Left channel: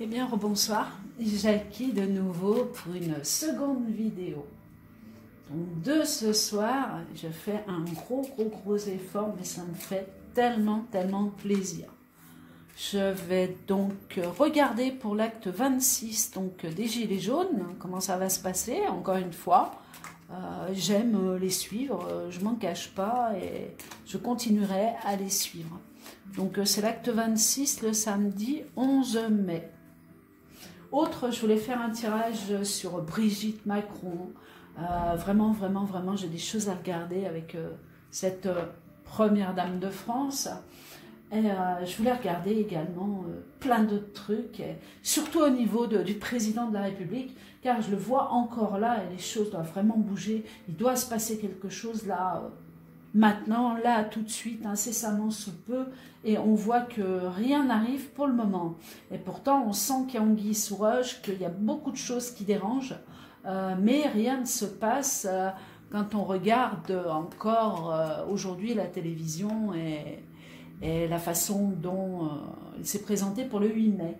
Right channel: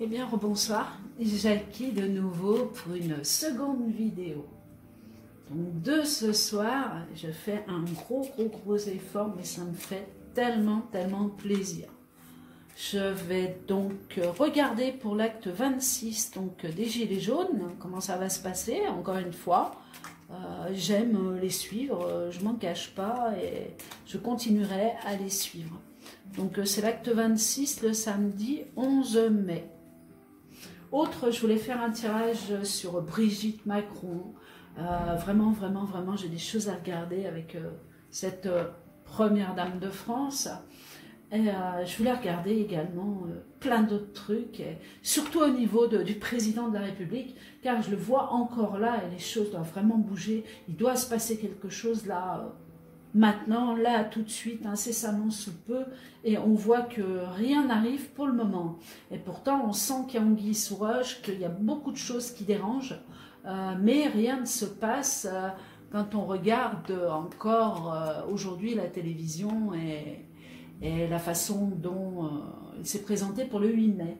Eh bien, rebonsoir, Jackie de nouveau pour une seconde vidéo. Donc de ce soir, je fais un gros effort, mais ça me fait tellement plaisir. Je vais donc regarder pour l'acte 26 donc, des Gilets jaunes, comment ça va se passer, encore une fois. J'aime les suivre, je m'en cache pas et je continuerai à les suivre. Donc c'est l'acte 26 le samedi 11 mai. Autre, je voulais faire un tirage sur Brigitte Macron. Vraiment, j'ai des choses à regarder avec cette première dame de France. Et je voulais regarder également plein d'autres trucs, et surtout au niveau du président de la République, car je le vois encore là et les choses doivent vraiment bouger. Il doit se passer quelque chose là, maintenant, là, tout de suite, incessamment sous peu, et on voit que rien n'arrive pour le moment. Et pourtant, on sent qu'il y a anguille sous roche, qu'il y a beaucoup de choses qui dérangent, mais rien ne se passe quand on regarde encore aujourd'hui la télévision et la façon dont il s'est présenté pour le 8 mai.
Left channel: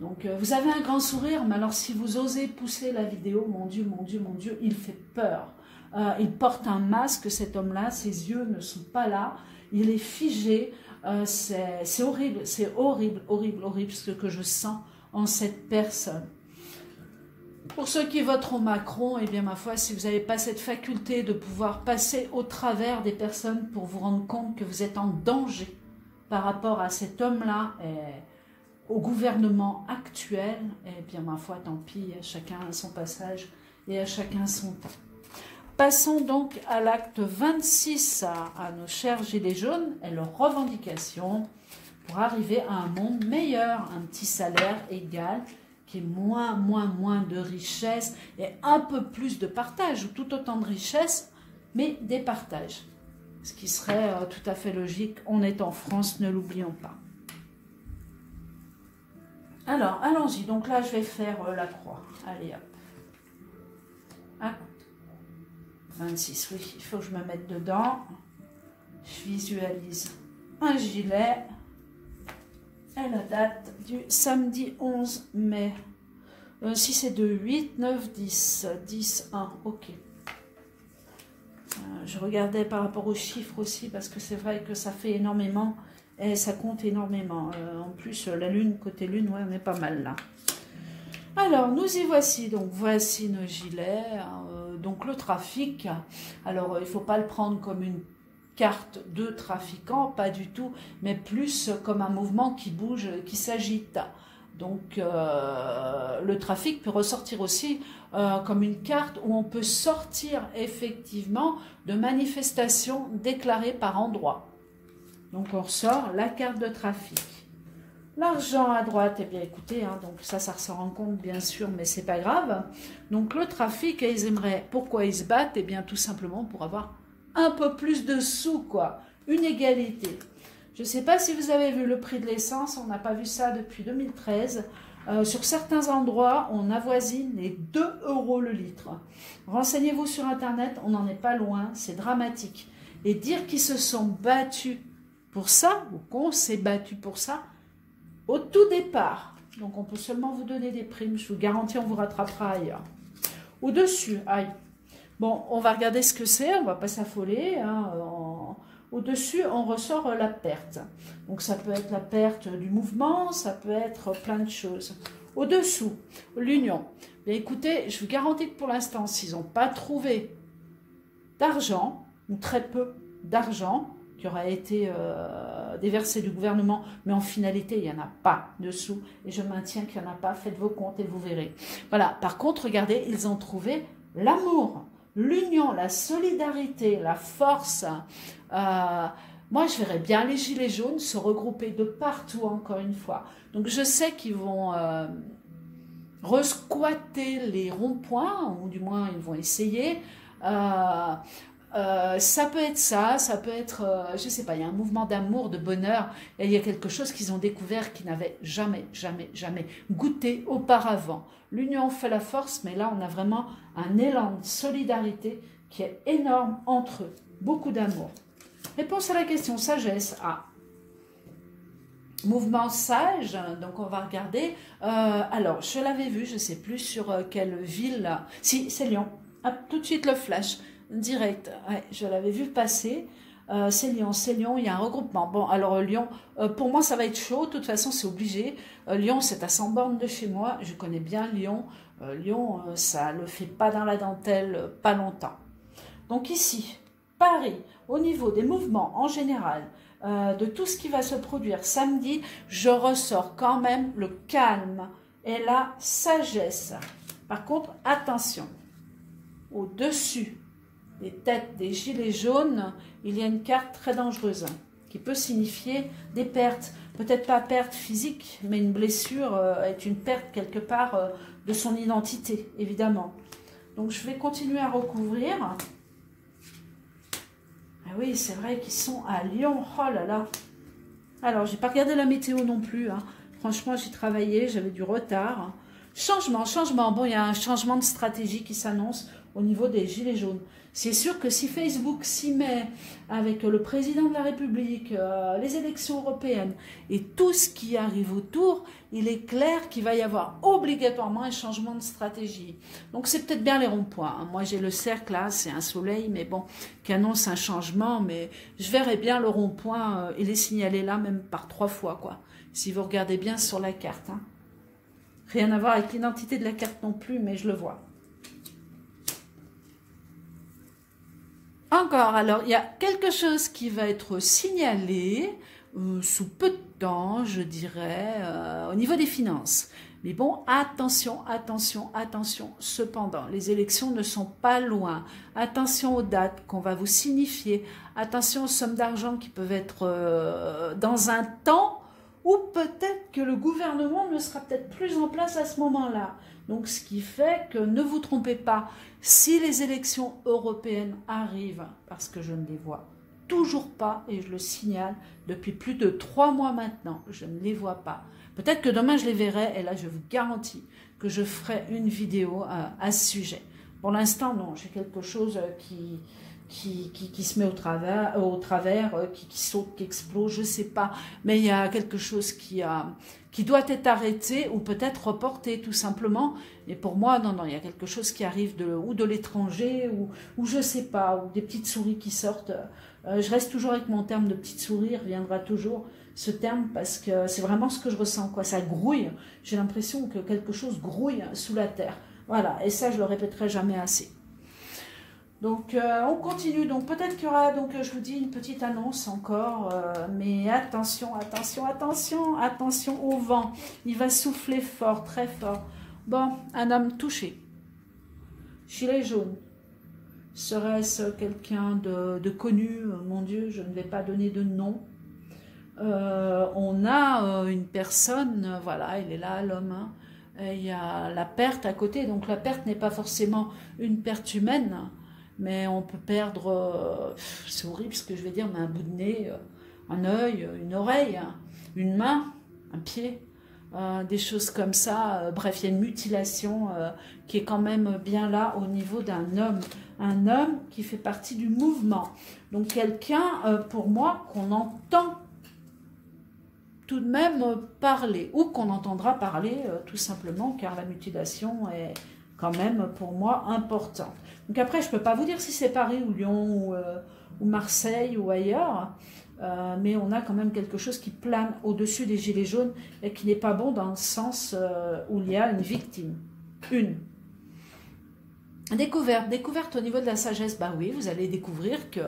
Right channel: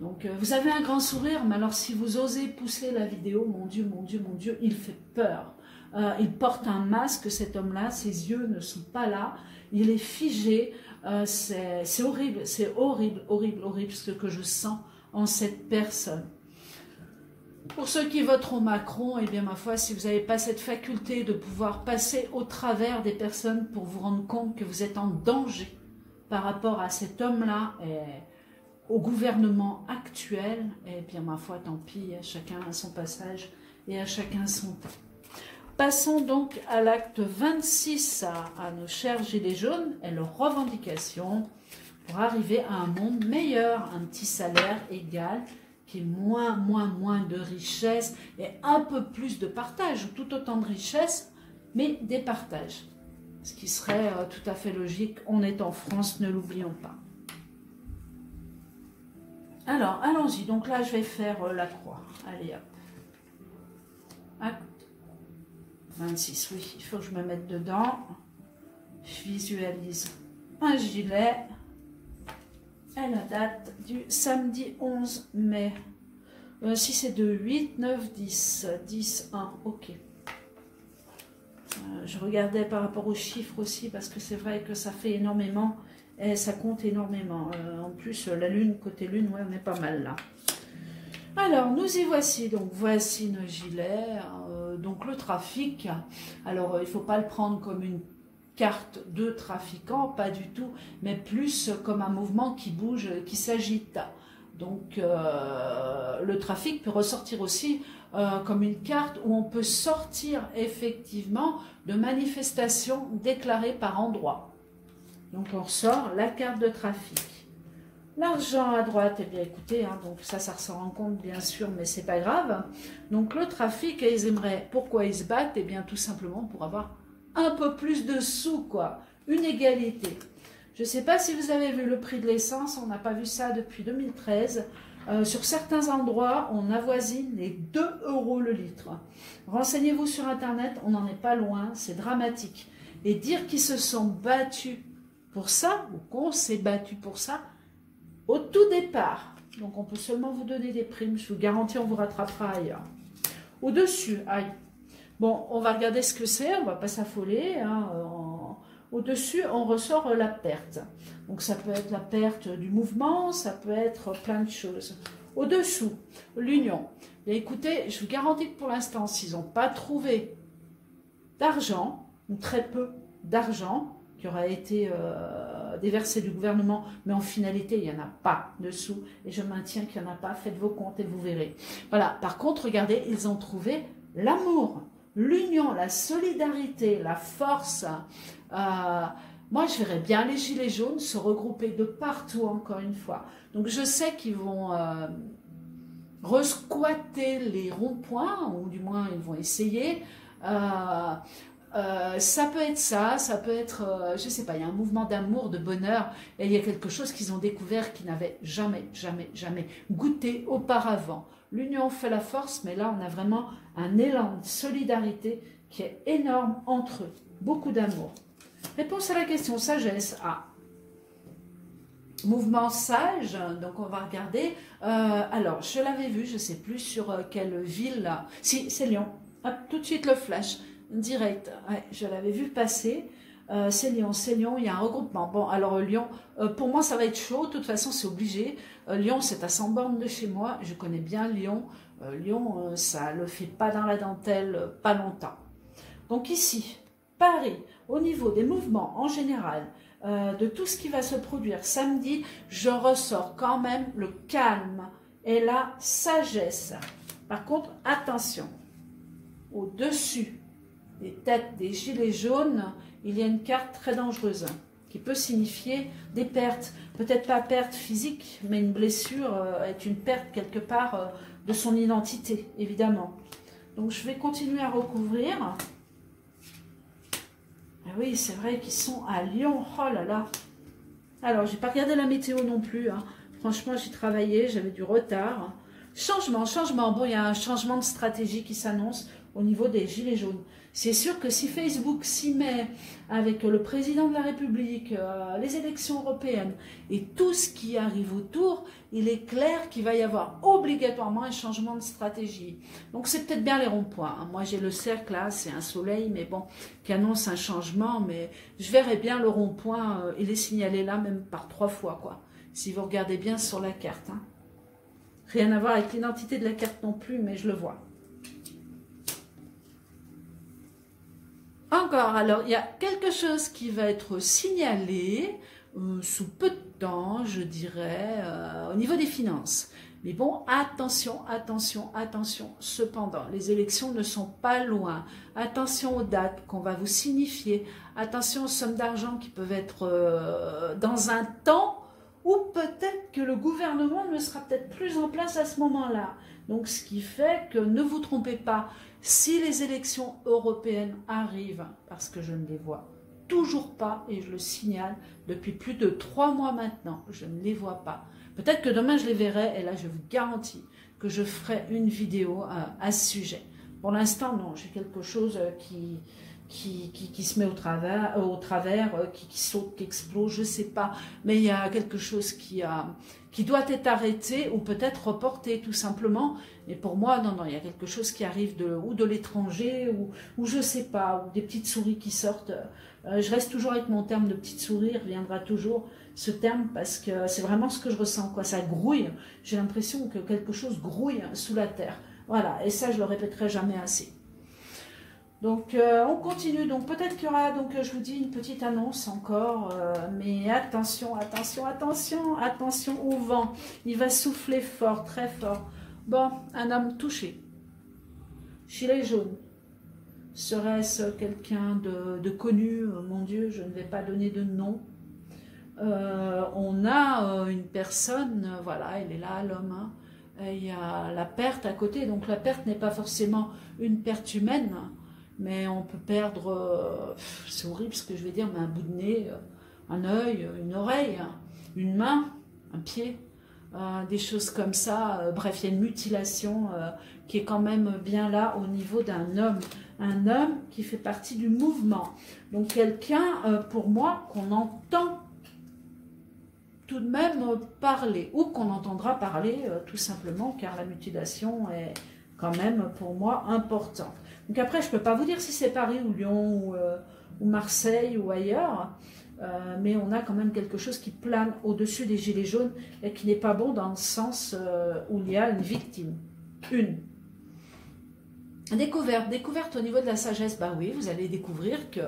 Donc vous avez un grand sourire, mais alors si vous osez pousser la vidéo, mon Dieu, il fait peur. Il porte un masque, cet homme-là, ses yeux ne sont pas là, il est figé, c'est horrible, ce que je sens en cette personne. Pour ceux qui voteront Macron, eh bien ma foi, si vous n'avez pas cette faculté de pouvoir passer au travers des personnes pour vous rendre compte que vous êtes en danger par rapport à cet homme-là et au gouvernement actuel, eh bien ma foi, tant pis, à chacun à son passage et à chacun son temps. Passons donc à l'acte 26, à nos chers Gilets jaunes et leurs revendications pour arriver à un monde meilleur, un petit salaire égal, qui est moins de richesse et un peu plus de partage, tout autant de richesse, mais des partages. Ce qui serait tout à fait logique, on est en France, ne l'oublions pas. Alors, allons-y, donc là je vais faire la croix, allez hop. Acte 26, oui, il faut que je me mette dedans. Je visualise un gilet. Et la date du samedi 11 mai. Si c'est de 8, 9, 10. 10, 1, ok. Je regardais par rapport aux chiffres aussi, parce que c'est vrai que ça fait énormément. Et ça compte énormément. En plus, la lune, côté lune, ouais, on est pas mal là. Alors, nous y voici. Donc, voici nos gilets. Donc, le trafic. Alors, il ne faut pas le prendre comme une carte de trafiquants, pas du tout, mais plus comme un mouvement qui bouge, qui s'agite. Donc, le trafic peut ressortir aussi comme une carte où on peut sortir effectivement de manifestations déclarées par endroit. Donc, on ressort la carte de trafic. L'argent à droite, eh bien écoutez, hein, donc ça ressort en compte bien sûr, mais c'est pas grave. Donc le trafic, ils aimeraient, pourquoi ils se battent? Eh bien tout simplement pour avoir un peu plus de sous, quoi. Une égalité. Je ne sais pas si vous avez vu le prix de l'essence, on n'a pas vu ça depuis 2013. Sur certains endroits, on avoisine les 2 € le litre. Renseignez-vous sur Internet, on n'en est pas loin, c'est dramatique. Et dire qu'ils se sont battus pour ça, ou qu'on s'est battu pour ça, au tout départ, donc on peut seulement vous donner des primes, je vous garantis, on vous rattrapera ailleurs. Au-dessus, aïe. Bon, on va regarder ce que c'est, on ne va pas s'affoler. Hein, au-dessus, on ressort la perte. Donc ça peut être la perte du mouvement, ça peut être plein de choses. Au-dessous, l'union. Écoutez, je vous garantis que pour l'instant, s'ils n'ont pas trouvé d'argent, ou très peu d'argent, qui aura été déversé du gouvernement, mais en finalité, il n'y en a pas dessous, et je maintiens qu'il n'y en a pas, faites vos comptes et vous verrez. Voilà, par contre, regardez, ils ont trouvé l'amour, l'union, la solidarité, la force. Moi, je verrais bien les Gilets jaunes se regrouper de partout, encore une fois. Donc, je sais qu'ils vont resquatter les ronds-points, ou du moins, ils vont essayer. Ça peut être ça peut être, je sais pas, il y a un mouvement d'amour, de bonheur, et il y a quelque chose qu'ils ont découvert qu'ils n'avaient jamais goûté auparavant. L'union fait la force, mais là, on a vraiment un élan de solidarité qui est énorme entre eux. Beaucoup d'amour. Réponse à la question, sagesse. Ah. mouvement sage, donc on va regarder. Alors, je l'avais vu, je ne sais plus sur quelle ville. Si, c'est Lyon. Hop, tout de suite le flash, direct. Ouais, je l'avais vu passer. C'est Lyon, il y a un regroupement. Bon, alors Lyon, pour moi ça va être chaud, de toute façon c'est obligé. Lyon, c'est à 100 bornes de chez moi, je connais bien Lyon. Lyon, ça ne le fait pas dans la dentelle, pas longtemps. Donc ici, Paris, au niveau des mouvements en général, de tout ce qui va se produire samedi, je ressors quand même le calme et la sagesse. Par contre, attention, au-dessus des têtes des gilets jaunes, il y a une carte très dangereuse qui peut signifier des pertes. Peut-être pas perte physique, mais une blessure est une perte quelque part de son identité, évidemment. Donc je vais continuer à recouvrir. Ah oui, c'est vrai qu'ils sont à Lyon. Oh là là. Alors, j'ai pas regardé la météo non plus. Hein. Franchement, j'ai travaillé, j'avais du retard. Changement. Bon, il y a un changement de stratégie qui s'annonce au niveau des gilets jaunes. C'est sûr que si Facebook s'y met avec le président de la République, les élections européennes et tout ce qui arrive autour, il est clair qu'il va y avoir obligatoirement un changement de stratégie. Donc c'est peut-être bien les ronds-points. Hein. Moi j'ai le cercle là, c'est un soleil, mais bon, qui annonce un changement, mais je verrai bien le rond-point et les signaler là même par 3 fois, quoi. Si vous regardez bien sur la carte. Hein. Rien à voir avec l'identité de la carte non plus, mais je le vois. Encore, alors il y a quelque chose qui va être signalé sous peu de temps, je dirais, au niveau des finances. Mais bon, attention. Cependant, les élections ne sont pas loin. Attention aux dates qu'on va vous signifier. Attention aux sommes d'argent qui peuvent être dans un temps où peut-être que le gouvernement ne sera peut-être plus en place à ce moment-là. Donc, ce qui fait que ne vous trompez pas. Si les élections européennes arrivent, parce que je ne les vois toujours pas, et je le signale depuis plus de 3 mois maintenant, je ne les vois pas. Peut-être que demain je les verrai, et là je vous garantis que je ferai une vidéo à ce sujet. Pour l'instant, non, j'ai quelque chose qui se met au travers, qui saute, qui explose, je ne sais pas. Mais il y a quelque chose qui doit être arrêté ou peut-être reporté tout simplement. Et pour moi, non, il y a quelque chose qui arrive ou de l'étranger ou je ne sais pas, ou des petites souris qui sortent. Je reste toujours avec mon terme de petite souris, reviendra toujours ce terme parce que c'est vraiment ce que je ressens, quoi. Ça grouille, j'ai l'impression que quelque chose grouille sous la terre. Voilà, et ça je le répéterai jamais assez. Donc on continue, donc peut-être qu'il y aura, donc je vous dis une petite annonce encore, mais attention au vent, il va souffler fort, très fort. Bon, un homme touché, gilet jaune, serait-ce quelqu'un de connu? Mon Dieu, je ne vais pas donner de nom. On a une personne, voilà, il est là, l'homme, hein. Il y a la perte à côté, donc la perte n'est pas forcément une perte humaine, mais on peut perdre, c'est horrible ce que je vais dire, mais un bout de nez, un œil, une oreille, une main, un pied, des choses comme ça. Bref, il y a une mutilation qui est quand même bien là au niveau d'un homme. Un homme qui fait partie du mouvement. Donc quelqu'un, pour moi, qu'on entend tout de même parler, ou qu'on entendra parler tout simplement, car la mutilation est quand même pour moi importante. Donc après, je ne peux pas vous dire si c'est Paris ou Lyon ou Marseille ou ailleurs, mais on a quand même quelque chose qui plane au-dessus des gilets jaunes et qui n'est pas bon dans le sens où il y a une victime. Découverte au niveau de la sagesse. Bah oui, vous allez découvrir que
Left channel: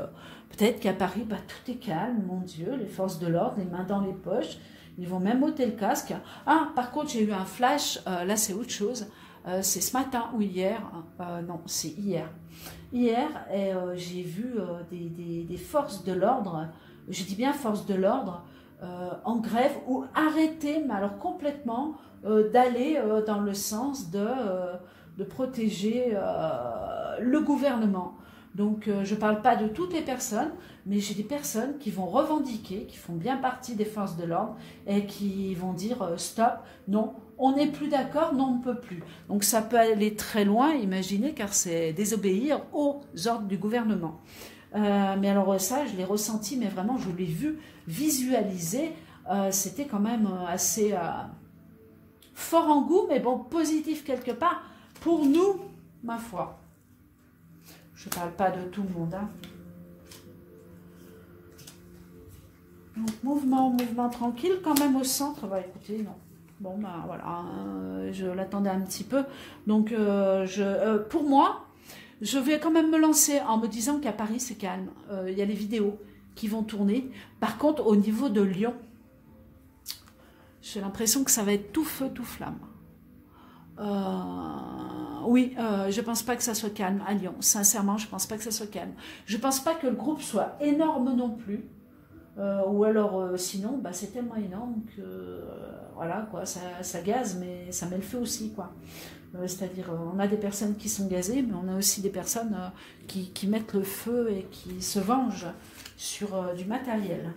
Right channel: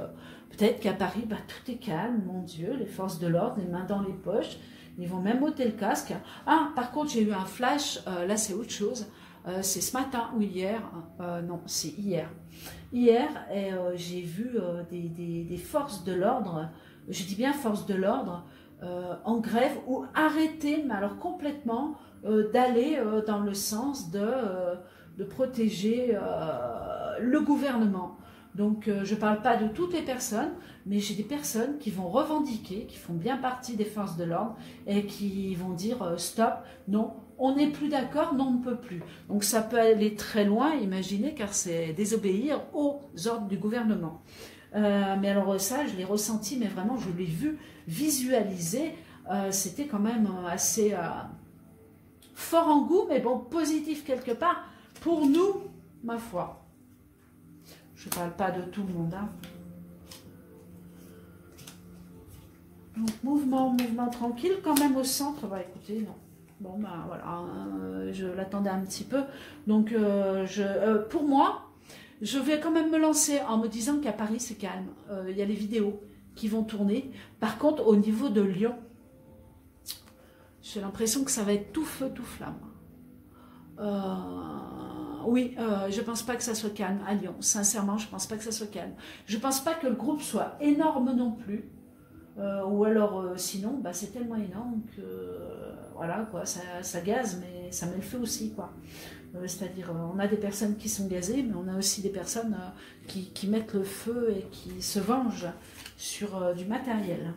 peut-être qu'à Paris, bah, tout est calme, mon Dieu, les forces de l'ordre, les mains dans les poches, ils vont même ôter le casque. Ah, par contre, j'ai eu un flash, là c'est autre chose. C'est ce matin ou hier, non, c'est hier. Hier, j'ai vu des forces de l'ordre, je dis bien forces de l'ordre, en grève ou arrêtées, mais alors complètement, d'aller dans le sens de protéger le gouvernement. Donc, je ne parle pas de toutes les personnes, mais j'ai des personnes qui vont revendiquer, qui font bien partie des forces de l'ordre et qui vont dire stop, non, on n'est plus d'accord, non, on ne peut plus. Donc, ça peut aller très loin, imaginez, car c'est désobéir aux ordres du gouvernement. Mais alors ça, je l'ai ressenti, mais vraiment, je l'ai vu visualiser c'était quand même assez fort en goût, mais bon, positif quelque part. Pour nous, ma foi. Je ne parle pas de tout le monde. Hein. Donc, mouvement tranquille, quand même au centre. Bah écoutez, non. Bon, ben voilà, je l'attendais un petit peu. Donc, pour moi, je vais quand même me lancer en me disant qu'à Paris, c'est calme. Il y a les vidéos qui vont tourner. Par contre, au niveau de Lyon, j'ai l'impression que ça va être tout feu, tout flamme. Oui, je pense pas que ça soit calme à Lyon. Sincèrement, je pense pas que ça soit calme. Je pense pas que le groupe soit énorme non plus. Ou alors, sinon, bah, c'est tellement énorme que, voilà, quoi, ça gaze, mais ça met le feu aussi, quoi. C'est-à-dire, on a des personnes qui sont gazées, mais on a aussi des personnes qui mettent le feu et qui se vengent sur du matériel.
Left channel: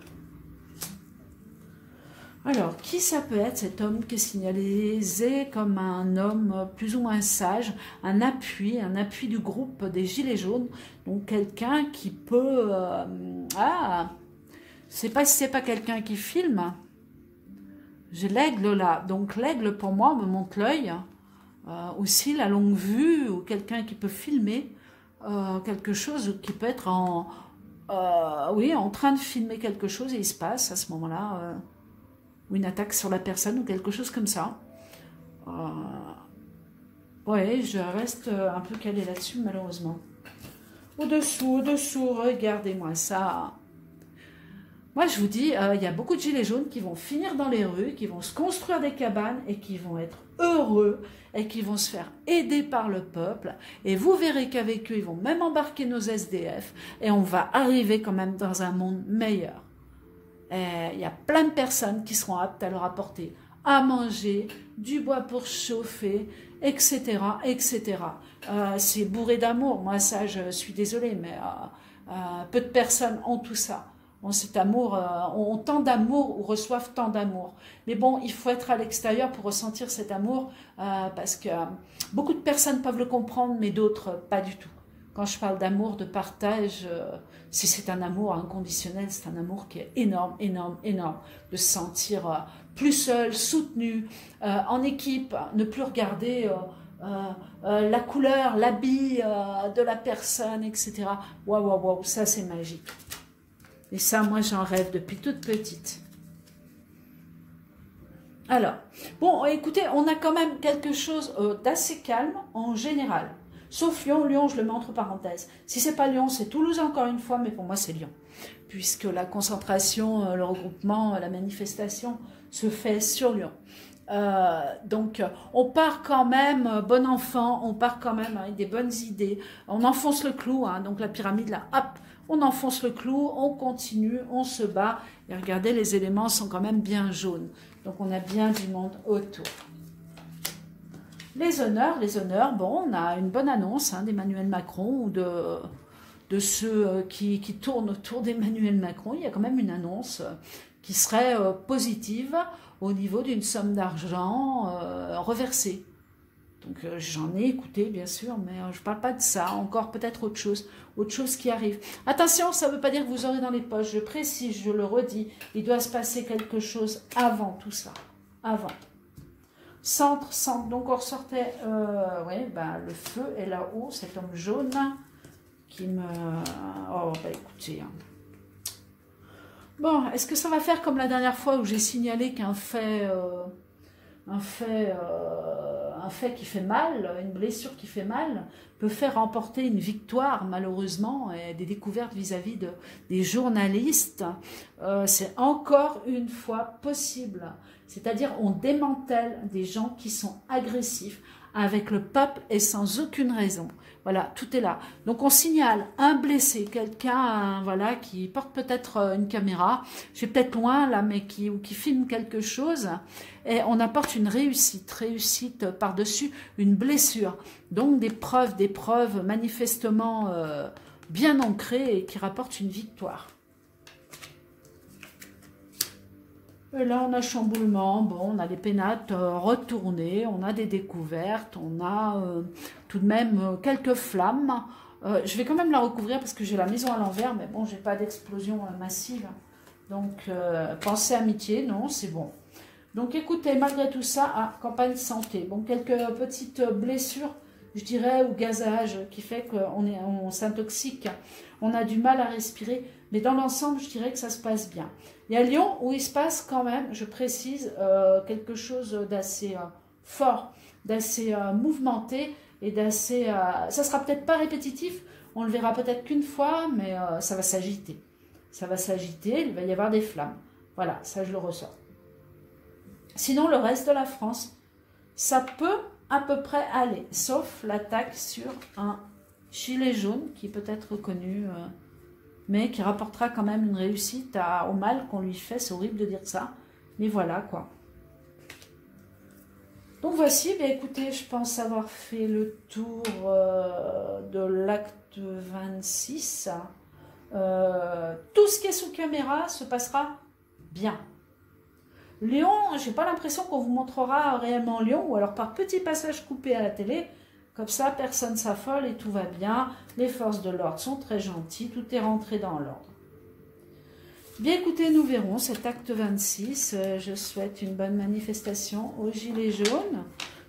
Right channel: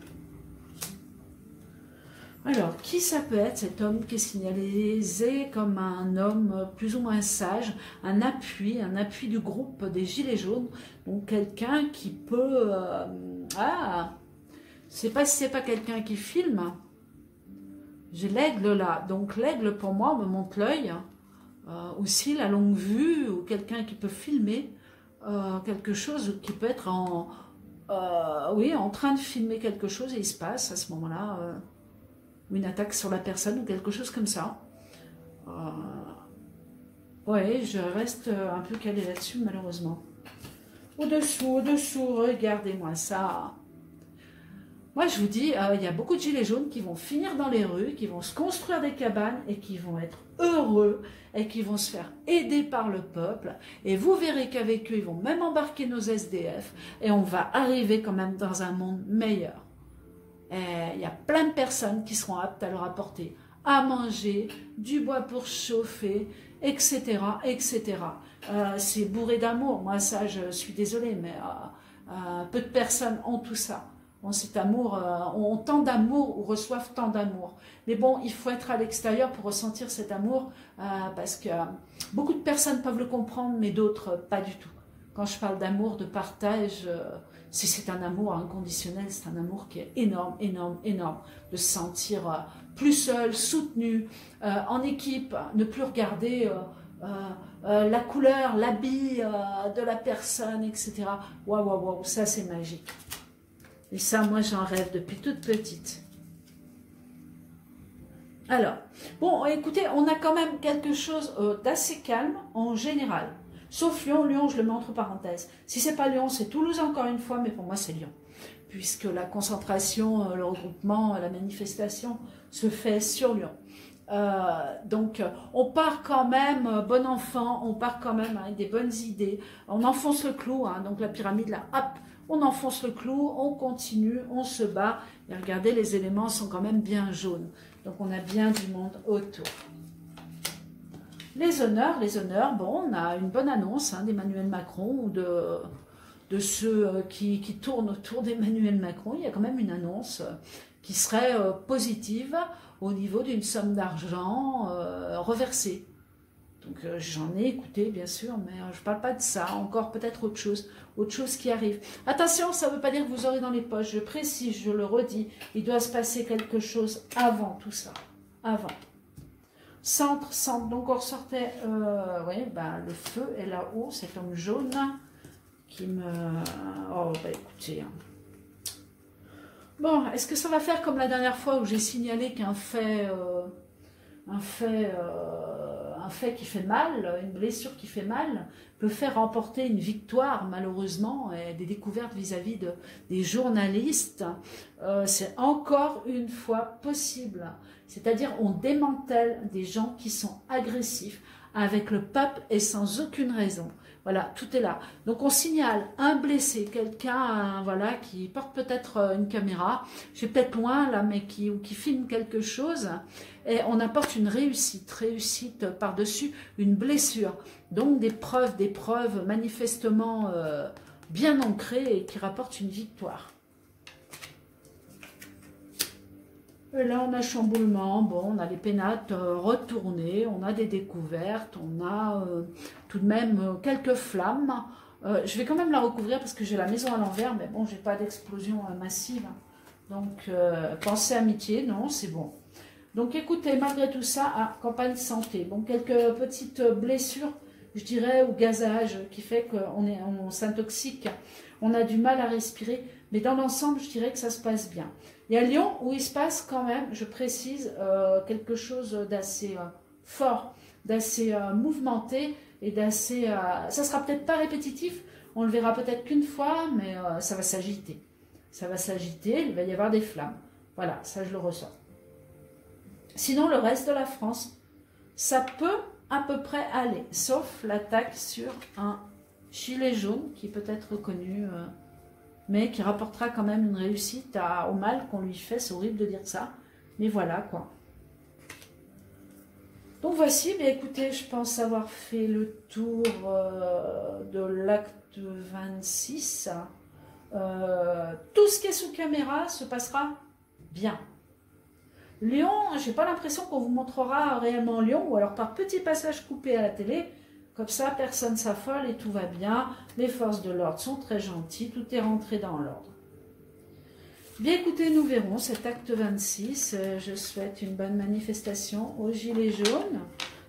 Alors, qui ça peut être, cet homme qui est signalisé comme un homme plus ou moins sage, un appui du groupe des Gilets jaunes, donc quelqu'un qui peut... c'est pas si c'est pas quelqu'un qui filme. J'ai l'aigle là. Donc l'aigle pour moi me montre l'œil. Aussi la longue vue ou quelqu'un qui peut filmer quelque chose qui peut être oui, en train de filmer quelque chose et il se passe à ce moment-là une attaque sur la personne ou quelque chose comme ça. Ouais, je reste un peu calée là-dessus malheureusement. Au-dessous, regardez-moi ça. Moi, je vous dis, il y a beaucoup de gilets jaunes qui vont finir dans les rues, qui vont se construire des cabanes et qui vont être heureux et qui vont se faire aider par le peuple. Et vous verrez qu'avec eux, ils vont même embarquer nos SDF et on va arriver quand même dans un monde meilleur. Il y a plein de personnes qui seront aptes à leur apporter à manger, du bois pour chauffer, etc. etc. C'est bourré d'amour. Moi, ça, je suis désolée, mais peu de personnes ont tout ça. On, cet amour, ont tant d'amour ou reçoivent tant d'amour. Mais bon, il faut être à l'extérieur pour ressentir cet amour parce que beaucoup de personnes peuvent le comprendre, mais d'autres pas du tout. Quand je parle d'amour, de partage, si c'est un amour inconditionnel, c'est un amour qui est énorme, énorme, énorme. De se sentir plus seul, soutenu, en équipe, ne plus regarder la couleur, l'habit de la personne, etc. Waouh, waouh, waouh, ça c'est magique. Et ça, moi, j'en rêve depuis toute petite. Alors, bon, écoutez, on a quand même quelque chose d'assez calme en général. Sauf Lyon. Lyon, je le mets entre parenthèses. Si c'est pas Lyon, c'est Toulouse encore une fois, mais pour moi, c'est Lyon. Puisque la concentration, le regroupement, la manifestation se fait sur Lyon. Donc, on part quand même, bon enfant, on part quand même avec des bonnes idées. On enfonce le clou, hein, donc la pyramide, là, hop, on enfonce le clou, on continue, on se bat. Et regardez, les éléments sont quand même bien jaunes. Donc, on a bien du monde autour. Les honneurs, bon, on a une bonne annonce hein, d'Emmanuel Macron ou de ceux qui tournent autour d'Emmanuel Macron. Il y a quand même une annonce qui serait positive au niveau d'une somme d'argent reversée. Donc j'en ai écouté bien sûr, mais je ne parle pas de ça, encore peut-être autre chose qui arrive. Attention, ça ne veut pas dire que vous aurez dans les poches, je précise, je le redis, il doit se passer quelque chose avant tout ça, avant. Centre, donc on ressortait, oui, ben, le feu est là-haut, cet homme jaune qui me... Oh, bah écoutez... Bon, est-ce que ça va faire comme la dernière fois où j'ai signalé qu'un fait qui fait mal, une blessure qui fait mal, peut faire remporter une victoire, malheureusement, et des découvertes vis-à-vis des journalistes. C'est encore une fois possible. C'est-à-dire, on démantèle des gens qui sont agressifs avec le peuple et sans aucune raison. Voilà, tout est là. Donc, on signale un blessé, quelqu'un voilà, qui porte peut-être une caméra, je suis peut-être loin là, mais qui filme quelque chose, et on apporte une réussite par-dessus une blessure. Donc, des preuves manifestement bien ancrées et qui rapportent une victoire. Et là, on a chamboulement, bon, on a les pénates retournées, on a des découvertes, on a tout de même quelques flammes. Je vais quand même la recouvrir parce que j'ai la maison à l'envers, mais bon, j'ai pas d'explosion massive. Donc, pensée amitié, non, c'est bon. Donc, écoutez, malgré tout ça, campagne santé. Bon, quelques petites blessures, je dirais, ou gazage, qui fait qu'on s'intoxique. On a du mal à respirer. Mais dans l'ensemble, je dirais que ça se passe bien. Et à Lyon, où il se passe quand même, je précise, quelque chose d'assez fort, d'assez mouvementé et d'assez... ça sera peut-être pas répétitif, on le verra peut-être qu'une fois, mais ça va s'agiter. Ça va s'agiter, il va y avoir des flammes. Voilà, ça je le ressens. Sinon, le reste de la France, ça peut à peu près aller, sauf l'attaque sur un gilet jaune qui peut être reconnu, mais qui rapportera quand même une réussite au mal qu'on lui fait. C'est horrible de dire ça, mais voilà quoi. Donc voici, bien écoutez, je pense avoir fait le tour de l'acte 26. Tout ce qui est sous caméra se passera bien. Lyon, je n'ai pas l'impression qu'on vous montrera réellement Lyon, ou alors par petits passages coupés à la télé. Comme ça, personne s'affole et tout va bien. Les forces de l'ordre sont très gentilles, tout est rentré dans l'ordre. Bien écoutez, nous verrons cet acte 26. Je souhaite une bonne manifestation aux Gilets jaunes,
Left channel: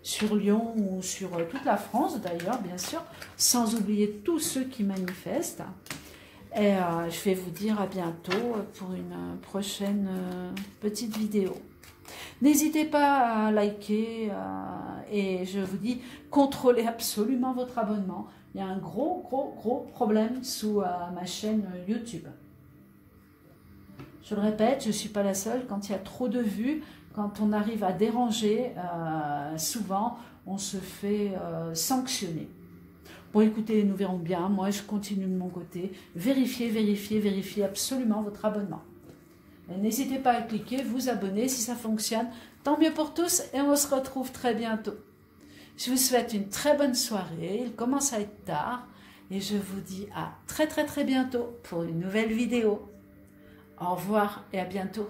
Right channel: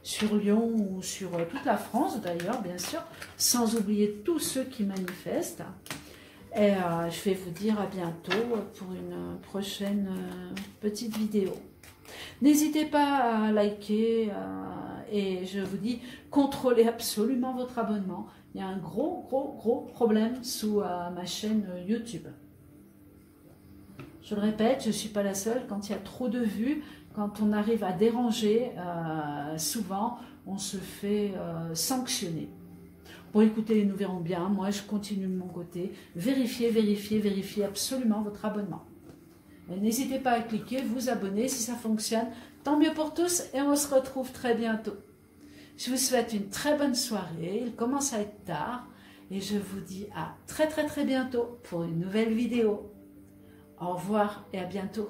sur Lyon ou sur toute la France d'ailleurs, bien sûr, sans oublier tous ceux qui manifestent. Et je vais vous dire à bientôt pour une prochaine petite vidéo. N'hésitez pas à liker et je vous dis, contrôlez absolument votre abonnement. Il y a un gros problème sous ma chaîne YouTube. Je le répète, je ne suis pas la seule. Quand il y a trop de vues, quand on arrive à déranger, souvent on se fait sanctionner. Bon, écoutez, nous verrons bien. Moi, je continue de mon côté. Vérifiez absolument votre abonnement. N'hésitez pas à cliquer, vous abonner si ça fonctionne. Tant mieux pour tous et on se retrouve très bientôt. Je vous souhaite une très bonne soirée. Il commence à être tard et je vous dis à très bientôt pour une nouvelle vidéo. Au revoir et à bientôt.